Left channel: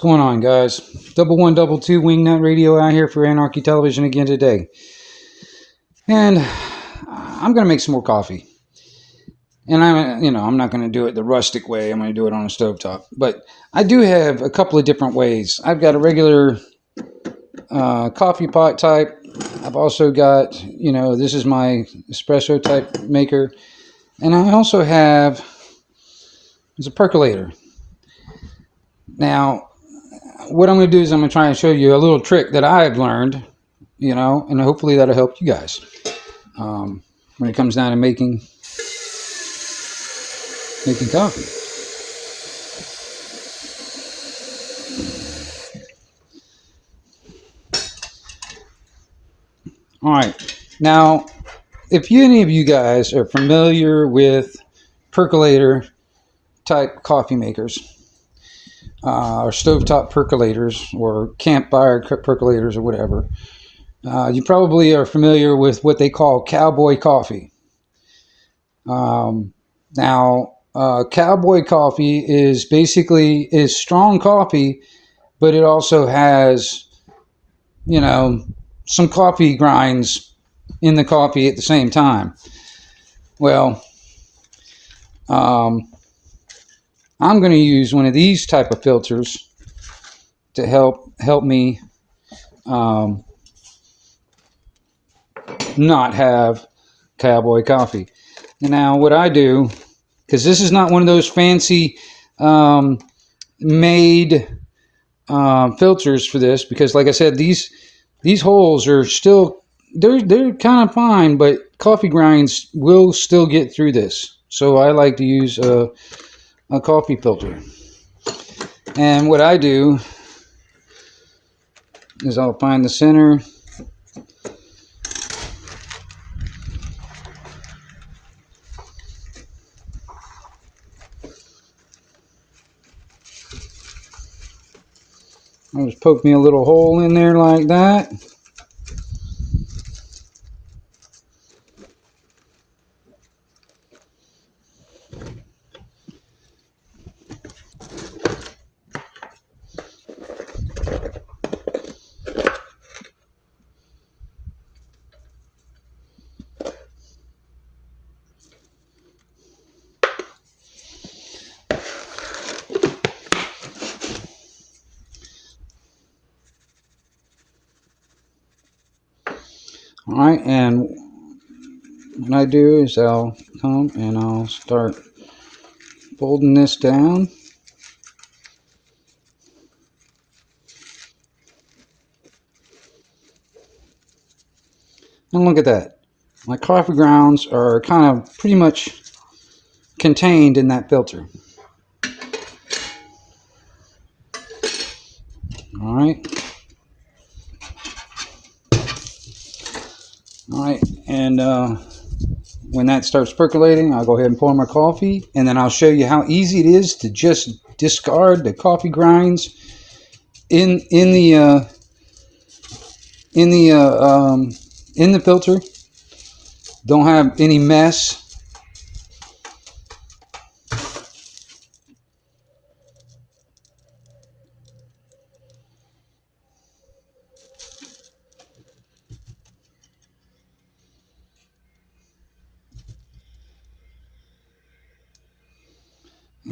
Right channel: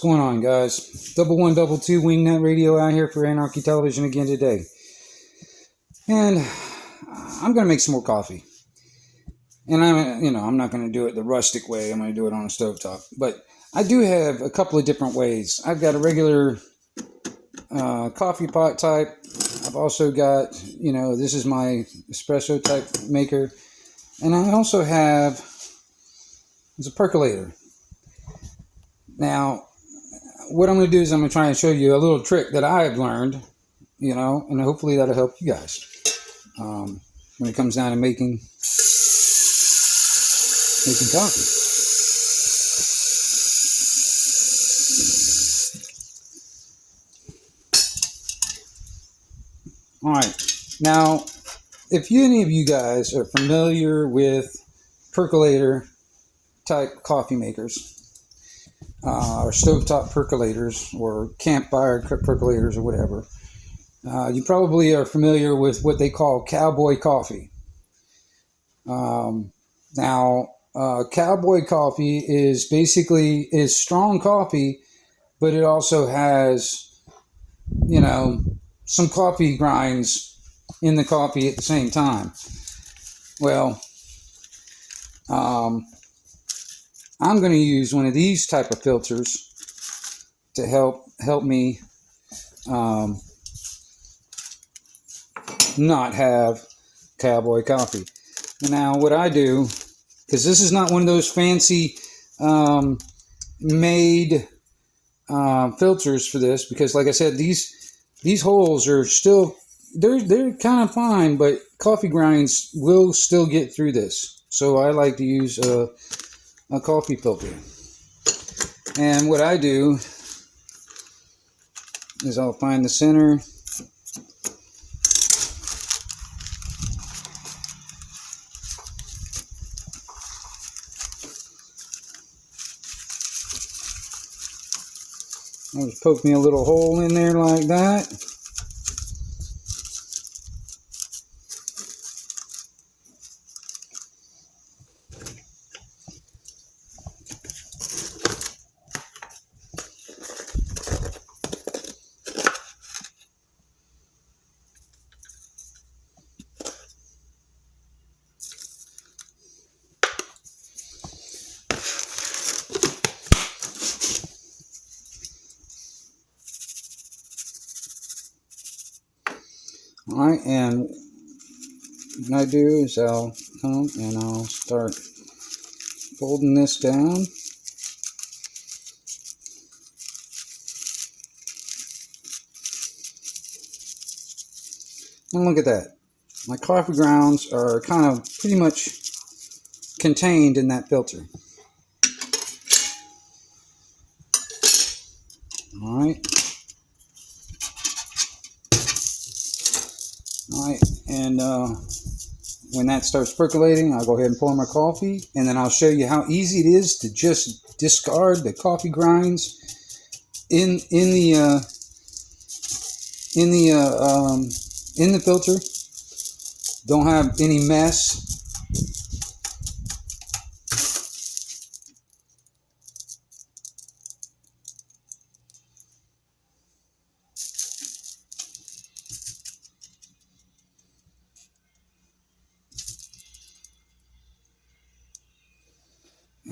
going on, guys? Double one, double two, Wingnut Radio out here for Anarchy Television again today. And I'm going to make some more coffee. And I'm not going to do it the rustic way. I'm going to do it on a stovetop. But I do have a couple of different ways. I've got a regular coffee pot type. I've also got, this is my espresso type maker. And I also have, it's a percolator. Now, what I'm going to do is I'm going to try and show you a little trick that I've learned, and hopefully that'll help you guys when it comes down to making coffee. All right. Now, if any of you guys are familiar with percolator type coffee makers, or stovetop percolators, or campfire percolators, or whatever, you probably are familiar with what they call cowboy coffee. Now, cowboy coffee is strong coffee, but it also has, some coffee grinds in the coffee at the same time. Well, I'm going to use one of these type of filters to help me not have cowboy coffee. Now, what I do, because this is not one of those fancy made filters for this, because like I said, these holes are still, they're kind of fine, but coffee grinds will still get through this. So I like to use a coffee filter. And what I do is I'll find the center. I'll just poke me a little hole in there like that. All right, and what I do is I'll come and I'll start folding this down. And look at that. My coffee grounds are kind of pretty much contained in that filter. All right. All right, and when that starts percolating, I'll go ahead and pour my coffee, and then I'll show you how easy it is to just discard the coffee grinds in the filter. Don't have any mess.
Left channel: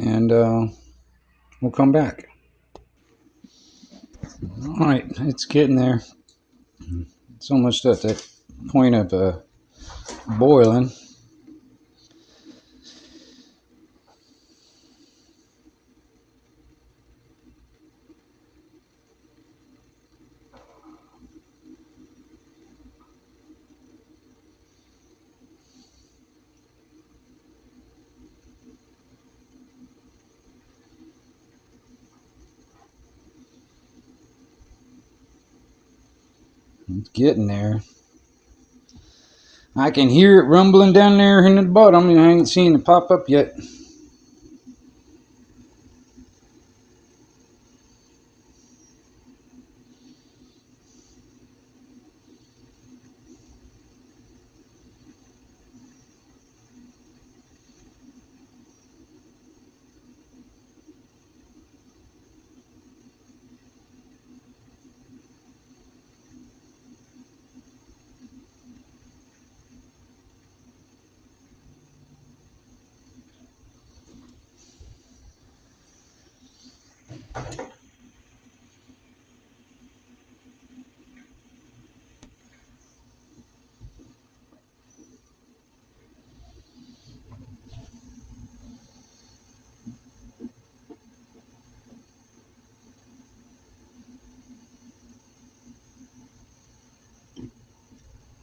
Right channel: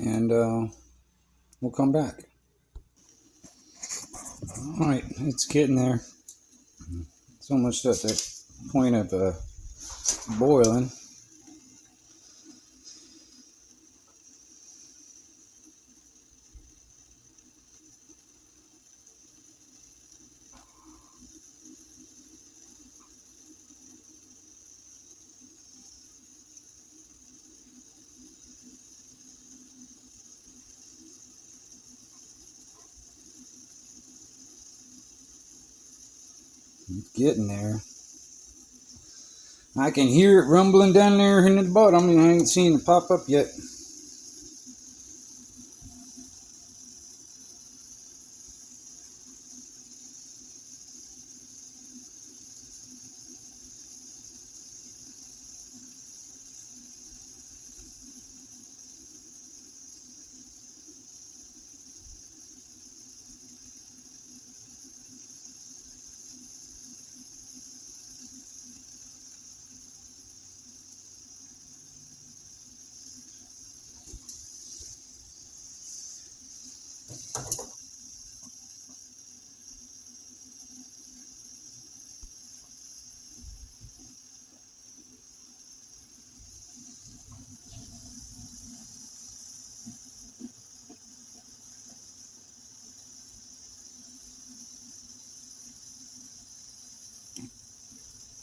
And we'll come back. All right, it's getting there. It's almost at the point of boiling. It's getting there. I can hear it rumbling down there in the bottom, and I ain't seen it pop up yet.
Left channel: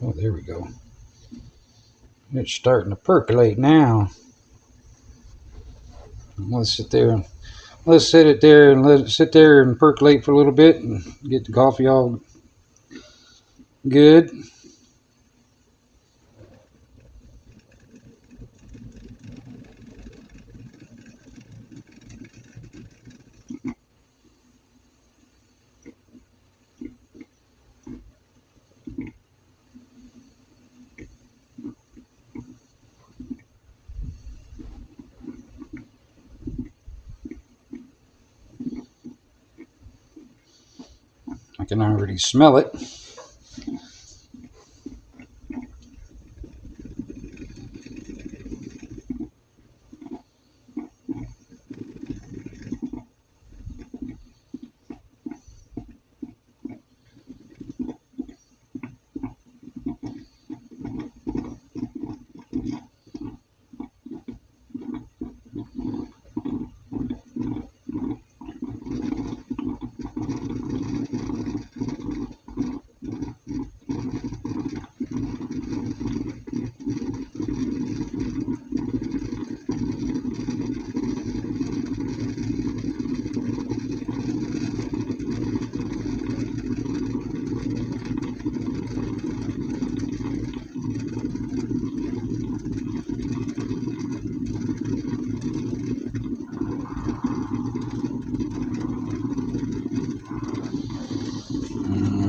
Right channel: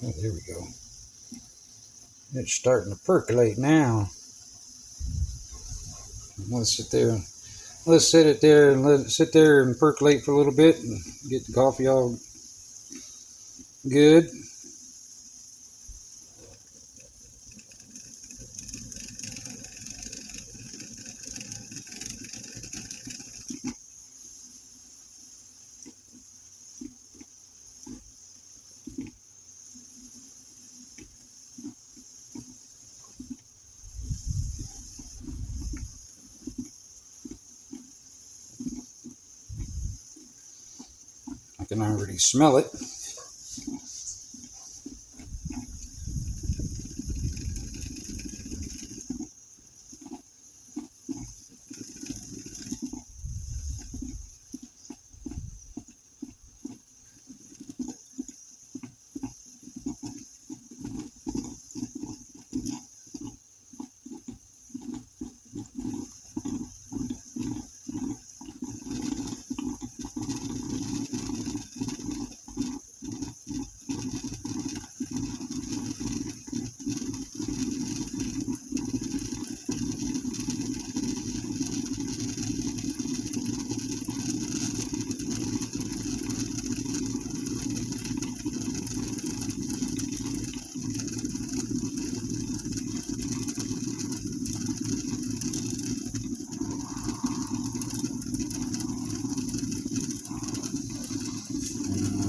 Oh, there we go. It's starting to percolate now. Let's sit there. Let's sit it there and let it sit there and percolate for a little bit and get the coffee all good. I can already smell it.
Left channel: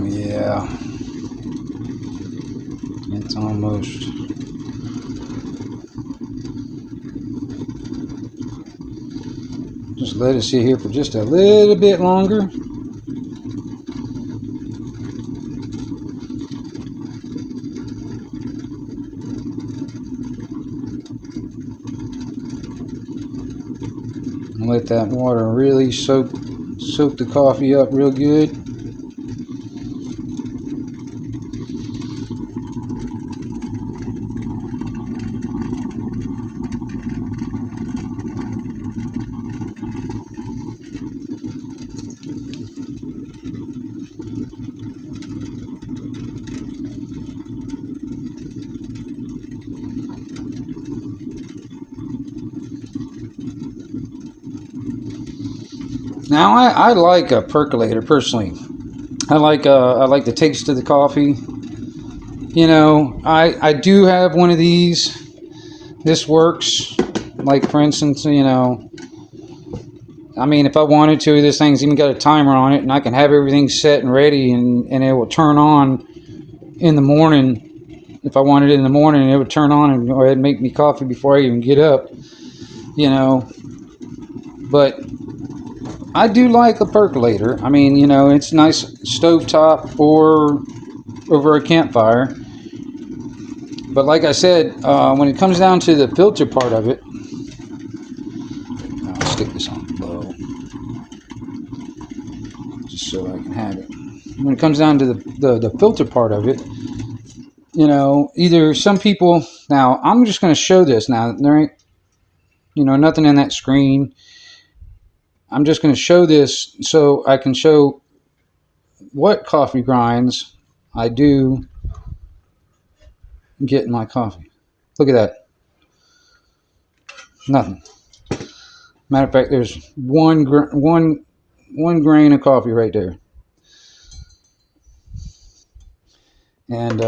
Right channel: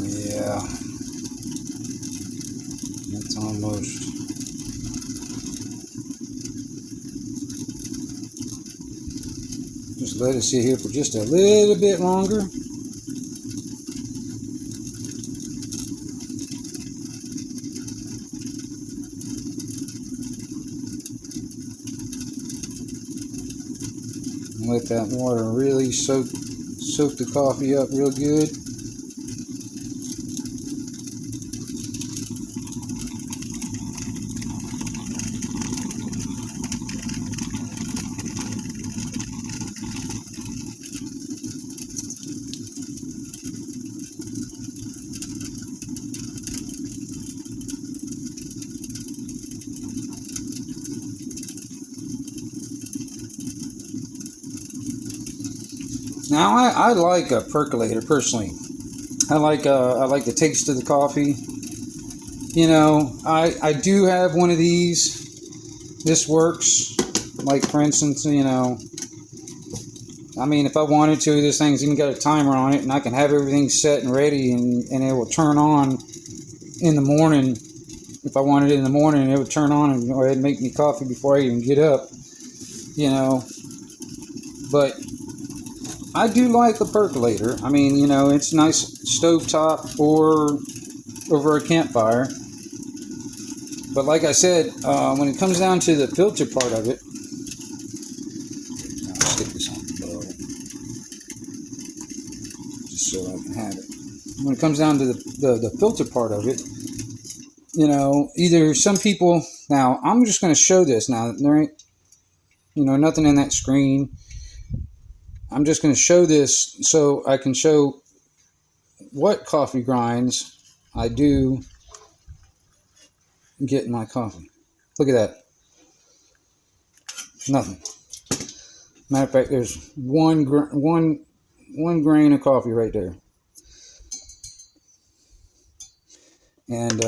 Yeah, it's almost. Just let it sit here for just a little bit longer. And let that water really soak the coffee up real good. Now I like a percolator personally. I like the taste of the coffee. You know, I do have one of these. This works. Like for instance, you know, I mean, if I wanted to, this thing's even got a timer on it, and I can have everything set and ready, and it will turn on in the morning. If I wanted it in the morning, it would turn on and go ahead and make me coffee before I even get up. You know, but I do like a percolator. I mean, you know, it's nice stovetop or over a campfire. But like I said, when it comes down to the filter part of it, I'll stick this on low just so I can have it. When it comes down to the filter part of it, you know, either some people, now I'm just going to show this now, there ain't, you know, nothing in that screen. I'm just going to show this so I can show what coffee grinds I do get in my coffee. Look at that. Nothing. Matter of fact, there's one grain of coffee right there. And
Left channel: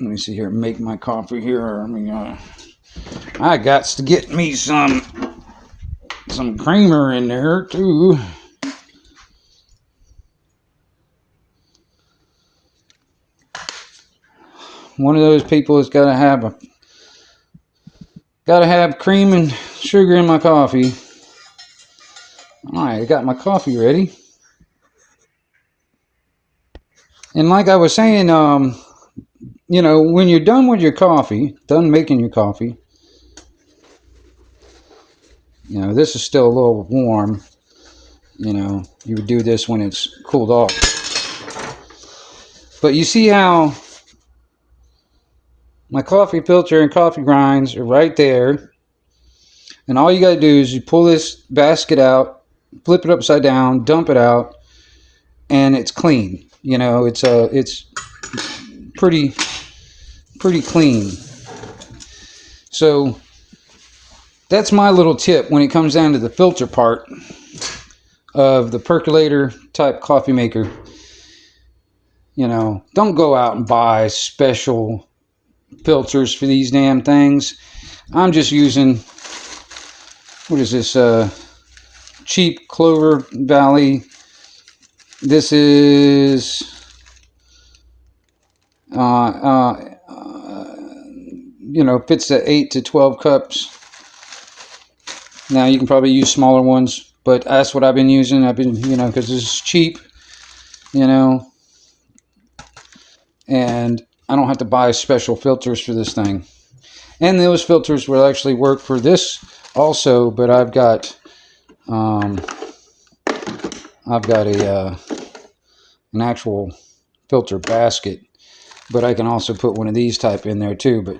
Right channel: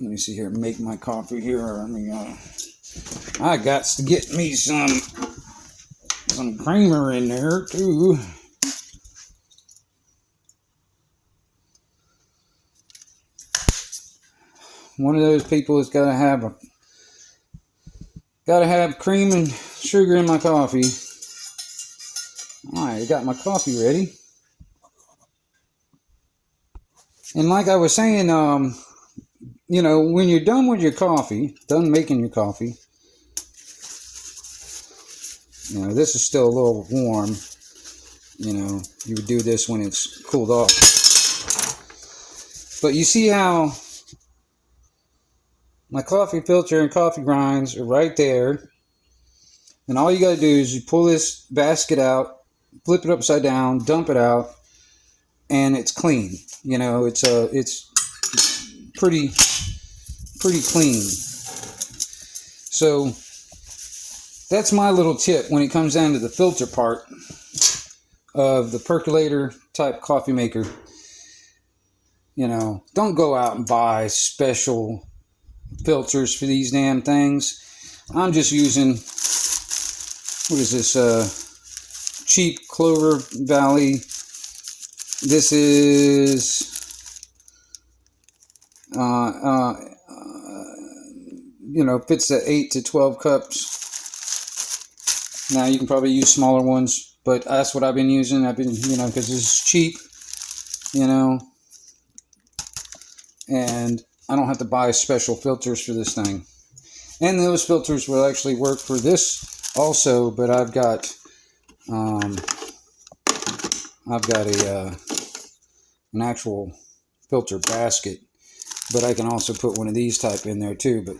let me see here. Make my coffee here. I mean, I got to get me some creamer in there too. One of those people that's got to have cream and sugar in my coffee. All right, I got my coffee ready. And like I was saying, you know, when you're done with your coffee, done making your coffee, you know, this is still a little warm. You know, you would do this when it's cooled off. But you see how my coffee filter and coffee grinds are right there. And all you got to do is you pull this basket out, flip it upside down, dump it out, and it's clean. You know, it's pretty clean. So that's my little tip when it comes down to the filter part of the percolator type coffee maker. You know, don't go out and buy special filters for these damn things. I'm just using, what is this, cheap Clover Valley. This is you know, fits the 8 to 12 cups. Now you can probably use smaller ones, but that's what I've been using. I've been, you know, because this is cheap, you know, and I don't have to buy special filters for this thing. And those filters will actually work for this also, but I've got an actual filter basket, but I can also put one of these type in there too. But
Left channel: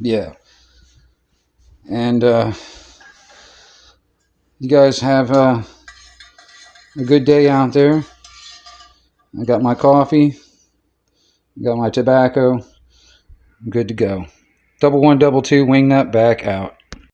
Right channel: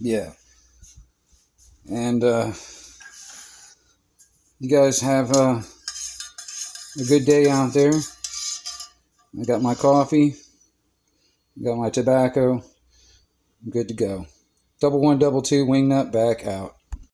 yeah, and you guys have a good day out there. I got my coffee, got my tobacco. I'm good to go. 1122 Wingnut back out.